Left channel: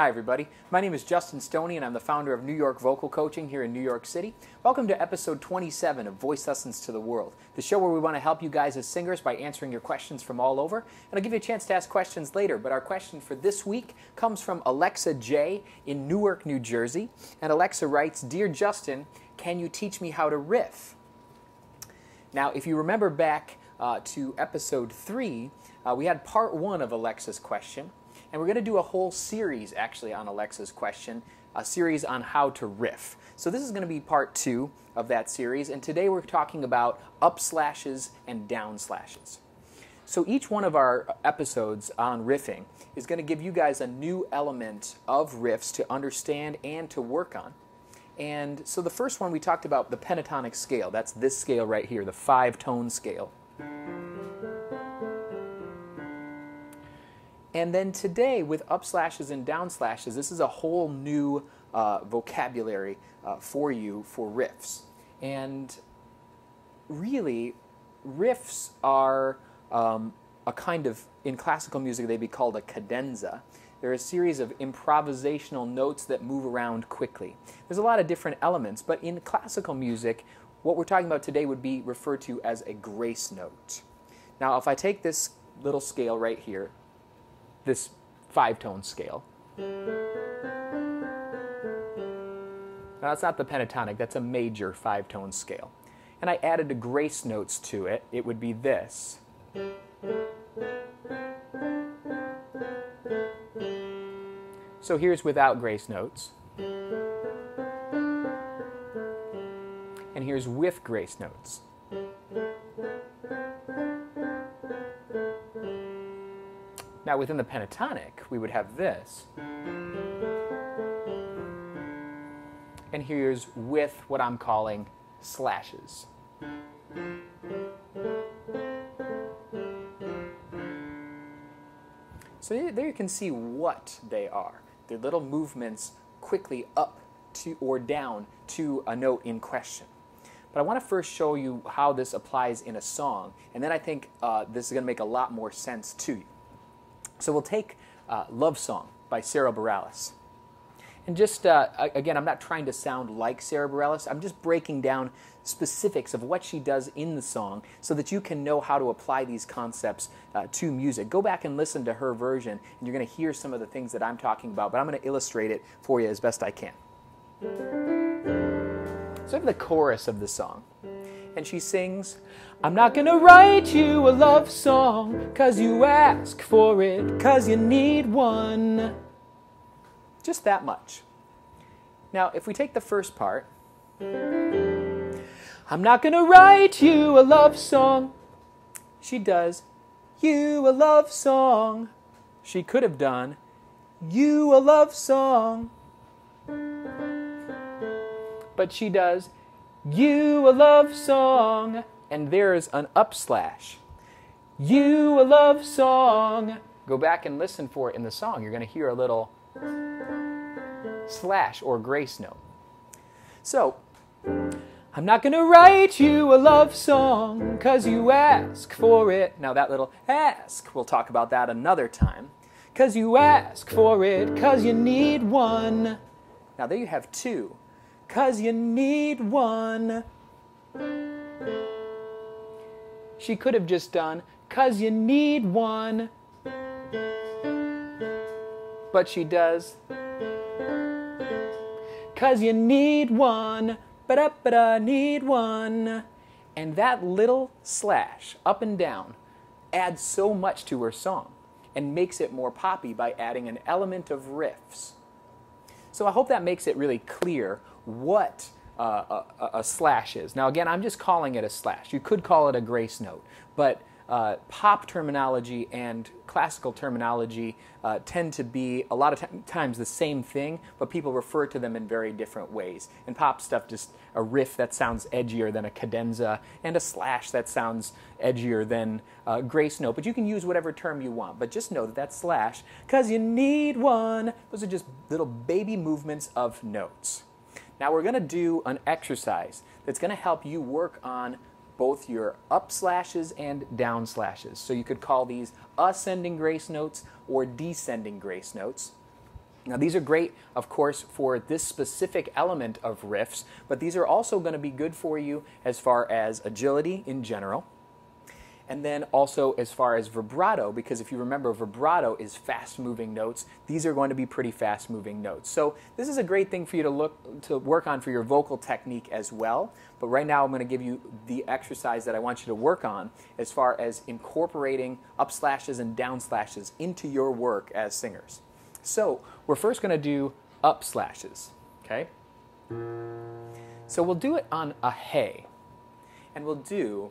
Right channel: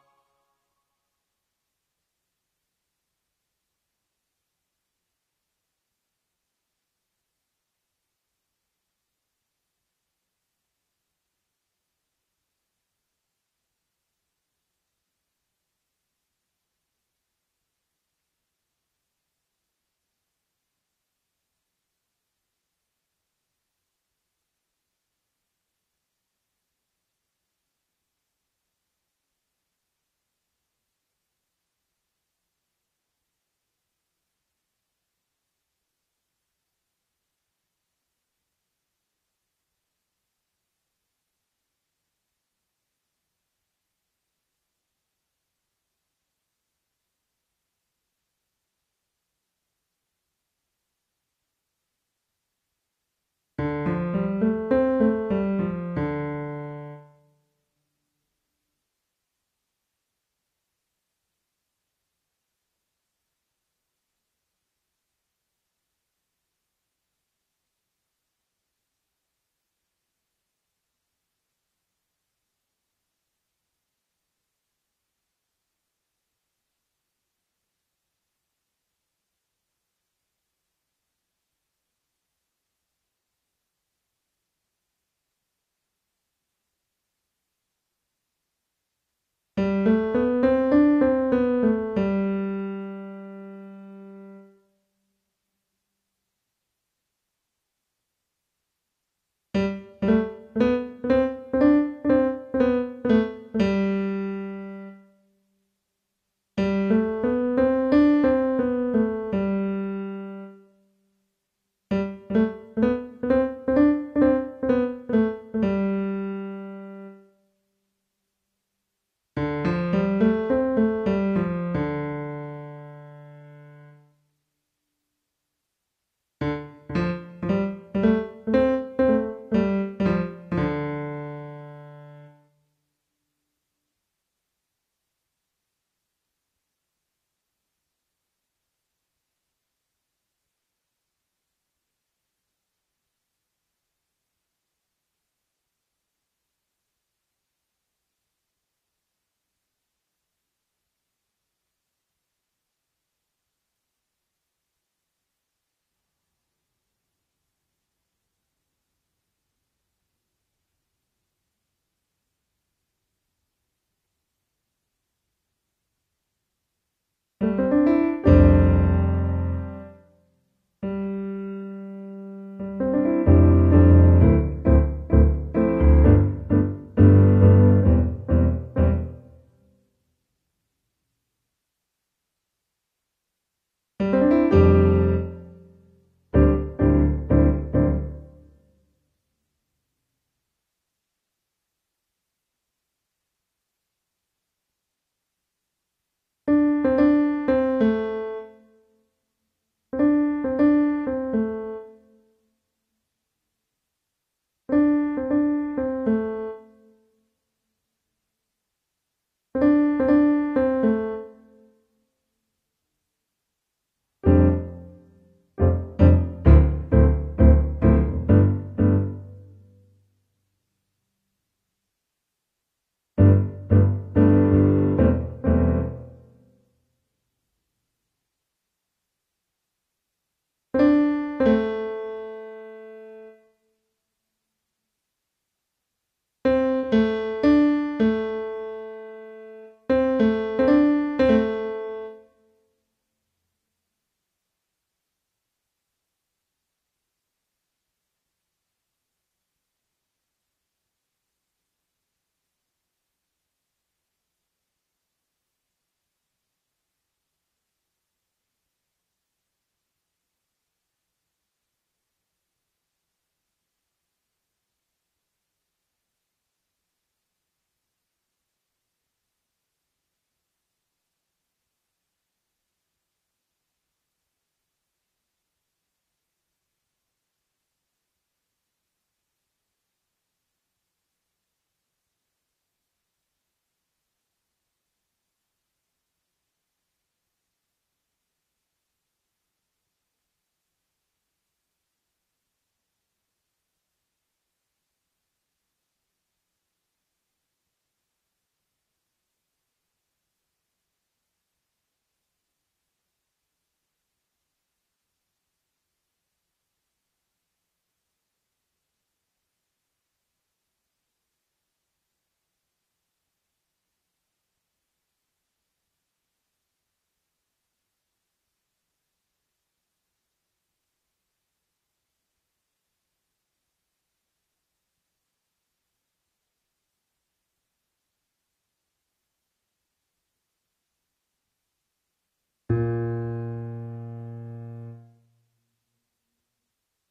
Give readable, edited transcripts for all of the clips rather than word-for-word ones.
Hi everybody, my name is Justin Stoney and I'm the founder of New York Vocal Coaching here in New York City. Welcome to episode 27 of Voice Lessons to the World, the show where we want to help you guys as singers by answering your questions from all over. And I'll give you a chance to ask questions later, but our question for this week comes from Alexa J. in Newark, New Jersey. And Alexa writes, "Dear Justin, can you teach me how to riff?" Now, if you remember back to episode 3, we had part 1 of Alexa's question. And we're going to do a whole series, actually, on Alexa's question, a series on how to riff. So this is going to be part 2 of that series, and today we're talking about up slashes and down slashes. So each one of our episodes on riffing is going to give you guys a new element of riffs to understand and to work on. And so the first one we talked about the pentatonic scale. That's this scale right here, the 5-tone scale. And then today, with up slashes and down slashes, this is a whole new vocabulary for you for riffs. And really, riffs are a kind of, in classical music, they'd be called a cadenza. They're a series of improvisational notes that move around quickly. There's a lot of different elements, but in classical music, what we're talking about today would be referred to as a grace note. Now, if I take this little scale right here, this 5-tone scale. Now, that's not the pentatonic, that's a major 5-tone scale. And I added the grace notes to it, it would be this. So here's without grace notes. And here's with grace notes. Now within the pentatonic, we would have this. And here's with what I'm calling slashes. So there you can see what they are. They're little movements quickly up to or down to a note in question. But I want to first show you how this applies in a song, and then I think this is going to make a lot more sense to you. So we'll take Love Song by Sarah Bareilles. And just, again, I'm not trying to sound like Sarah Bareilles. I'm just breaking down specifics of what she does in the song so that you can know how to apply these concepts to music. Go back and listen to her version, and you're going to hear some of the things that I'm talking about, but I'm going to illustrate it for you as best I can. So I have the chorus of the song. And she sings, "I'm not gonna write you a love song 'cause you ask for it, 'cause you need one." Just that much. Now, if we take the first part, "I'm not gonna write you a love song," she does, "you a love song." She could have done, "you a love song." But she does, "you a love song," and there's an up slash. "You a love song." Go back and listen for it in the song. You're going to hear a little slash or grace note. So, "I'm not going to write you a love song 'cause you ask for it." Now that little ask, we'll talk about that another time. "'Cause you ask for it, 'cause you need one." Now there you have 2. 'Cause you need one. She could have just done, "'Cause you need one." But she does, "'Cause you need one, ba-da-ba-da, need one." And that little slash, up and down, adds so much to her song and makes it more poppy by adding an element of riffs. So I hope that makes it really clear what a slash is. Now again, I'm just calling it a slash. You could call it a grace note, but pop terminology and classical terminology tend to be a lot of times the same thing, but people refer to them in very different ways. And pop stuff, just a riff that sounds edgier than a cadenza, and a slash that sounds edgier than a grace note. But you can use whatever term you want, but just know that that slash, "'cause you need one," those are just little baby movements of notes. Now we're going to do an exercise that's going to help you work on both your up slashes and down slashes. So you could call these ascending grace notes or descending grace notes. Now these are great, of course, for this specific element of riffs, but these are also going to be good for you as far as agility in general, and then also as far as vibrato, because if you remember, vibrato is fast-moving notes. These are going to be pretty fast-moving notes. So this is a great thing for you to work on for your vocal technique as well. But right now I'm going to give you the exercise that I want you to work on as far as incorporating up slashes and down slashes into your work as singers. So we're first going to do up slashes, okay? So we'll do it on a hey, and we'll do,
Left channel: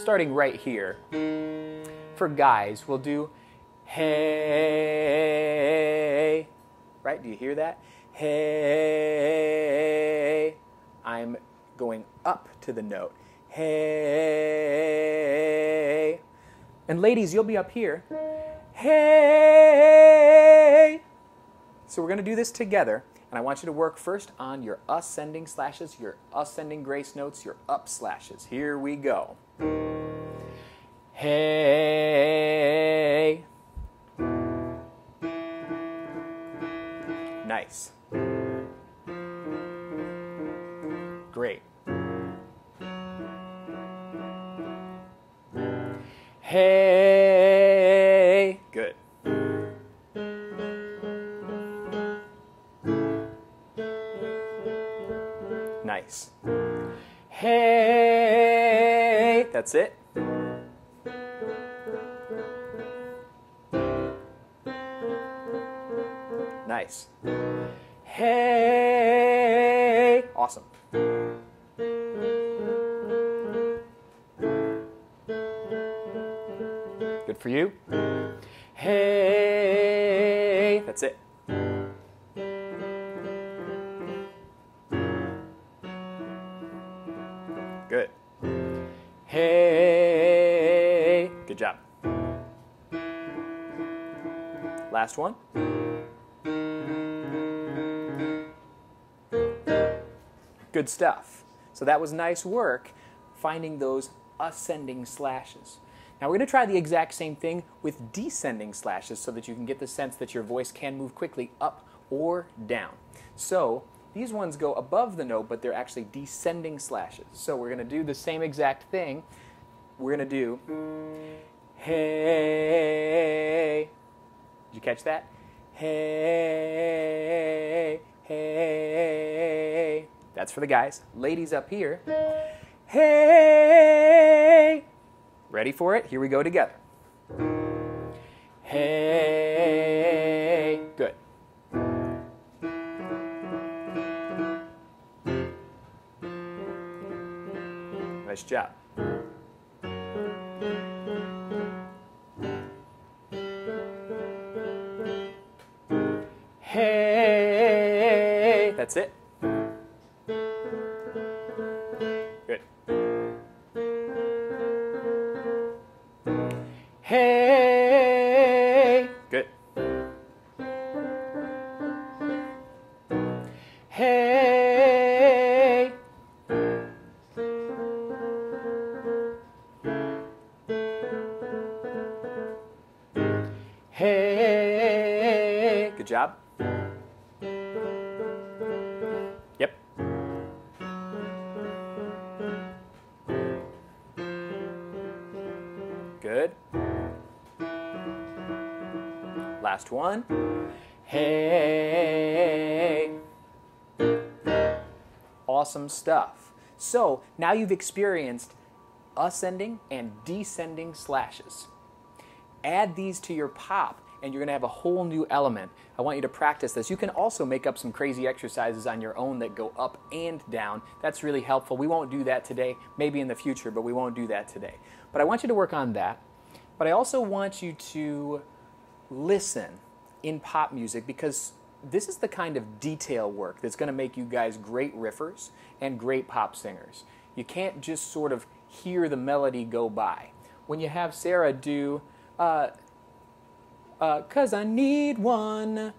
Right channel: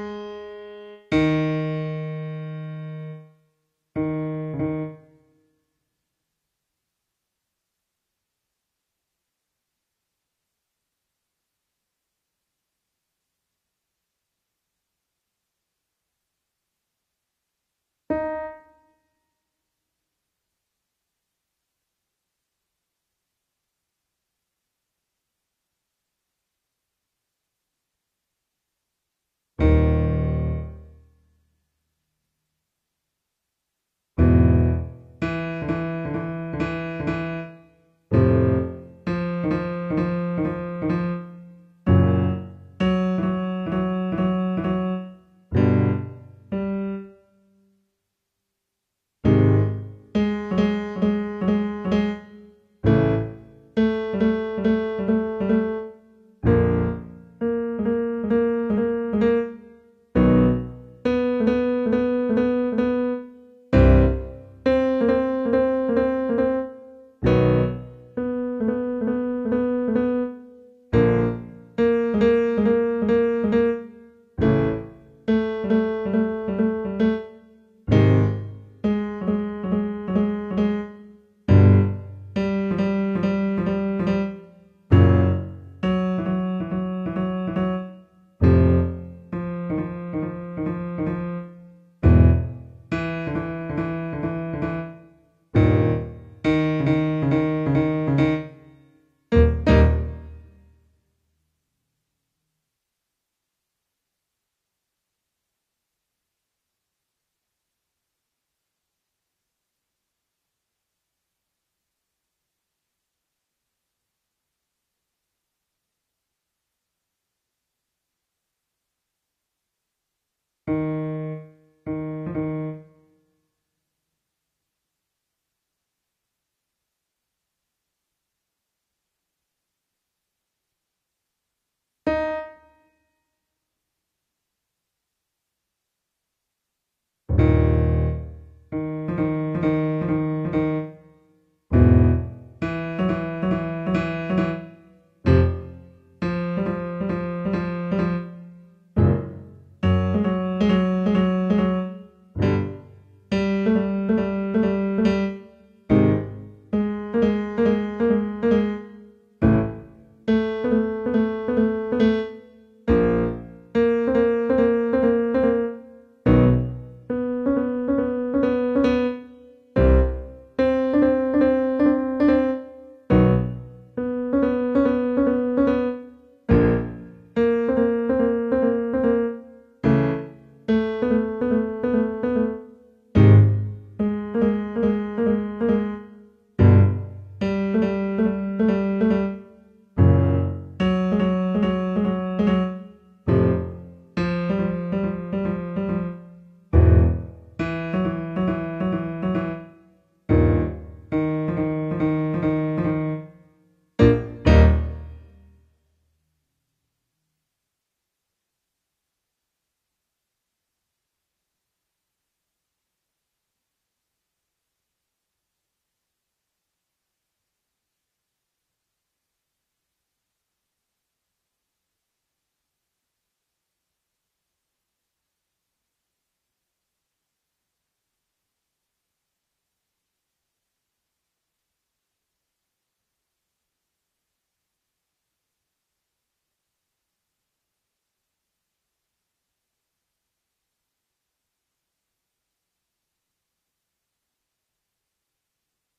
starting right here, for guys, we'll do hey, right? Do you hear that? Hey, I'm going up to the note, hey. And ladies, you'll be up here, hey. So we're going to do this together, and I want you to work first on your ascending slashes, your ascending grace notes, your up slashes. Here we go. Hey. Nice. Great. Hey. Good. Nice. Hey. That's it. Nice. Hey. Awesome. Good for you. Hey. That's it. Good. Hey. Good job. Last one. Good stuff. So that was nice work finding those ascending slashes. Now we're going to try the exact same thing with descending slashes so that you can get the sense that your voice can move quickly up or down. So these ones go above the note, but they're actually descending slashes. So we're going to do the same exact thing. We're going to do hey. Did you catch that? Hey, hey. That's for the guys. Ladies up here. Hey. Ready for it? Here we go together. Hey. Good. Nice job. Hey. That's it. Good. Hey. Good. Hey. Hey. Good job. Yep. Good. Last one. Hey. Awesome stuff. So now you've experienced ascending and descending slashes. Add these to your pop and you're going to have a whole new element. I want you to practice this. You can also make up some crazy exercises on your own that go up and down. That's really helpful. We won't do that today, maybe in the future, but we won't do that today. But I want you to work on that. But I also want you to listen in pop music because this is the kind of detail work that's going to make you guys great riffers and great pop singers. You can't just sort of hear the melody go by. When you have Sarah do, 'cause I need one,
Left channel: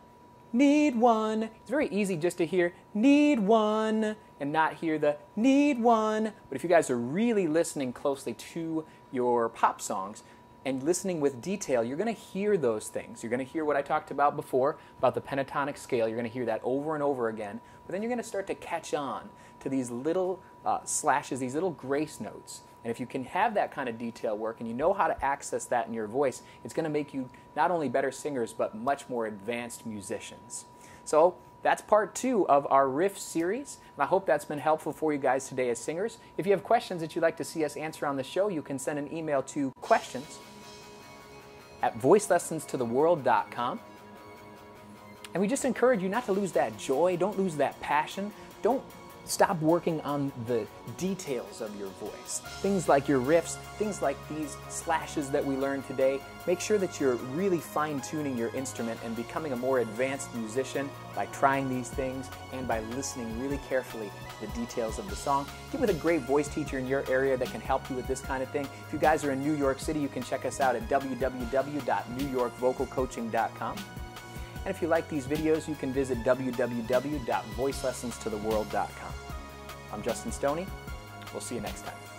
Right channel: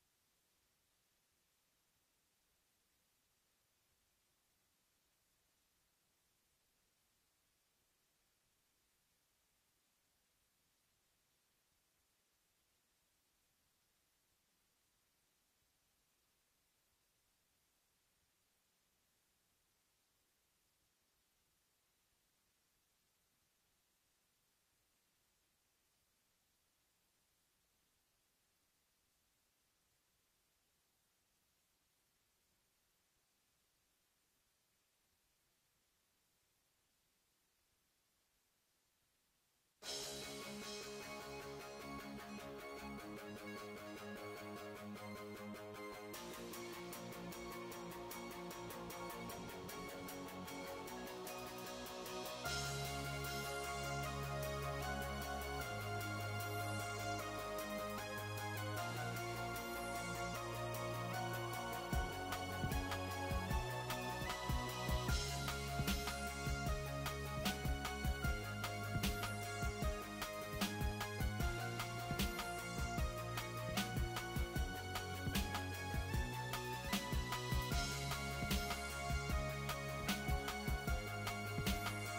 it's very easy just to hear need one and not hear the need one. But if you guys are really listening closely to your pop songs, and listening with detail, you're going to hear those things. You're going to hear what I talked about before, about the pentatonic scale. You're going to hear that over and over again. But then you're going to start to catch on to these little slashes, these little grace notes. And if you can have that kind of detail work and you know how to access that in your voice, it's going to make you not only better singers, but much more advanced musicians. So that's part 2 of our riff series, and I hope that's been helpful for you guys today as singers. If you have questions that you'd like to see us answer on the show, you can send an email to questions@voicelessonstotheworld.com. And we just encourage you not to lose that joy, don't lose that passion, don't stop working on the details of your voice. Things like your riffs, things like these slashes that we learned today. Make sure that you're really fine-tuning your instrument and becoming a more advanced musician by trying these things and by listening really carefully to the details of the song. Get with a great voice teacher in your area that can help you with this kind of thing. If you guys are in New York City, you can check us out at www.newyorkvocalcoaching.com. And if you like these videos, you can visit www.voicelessonstotheworld.com. I'm Justin Stoney. We'll see you next time.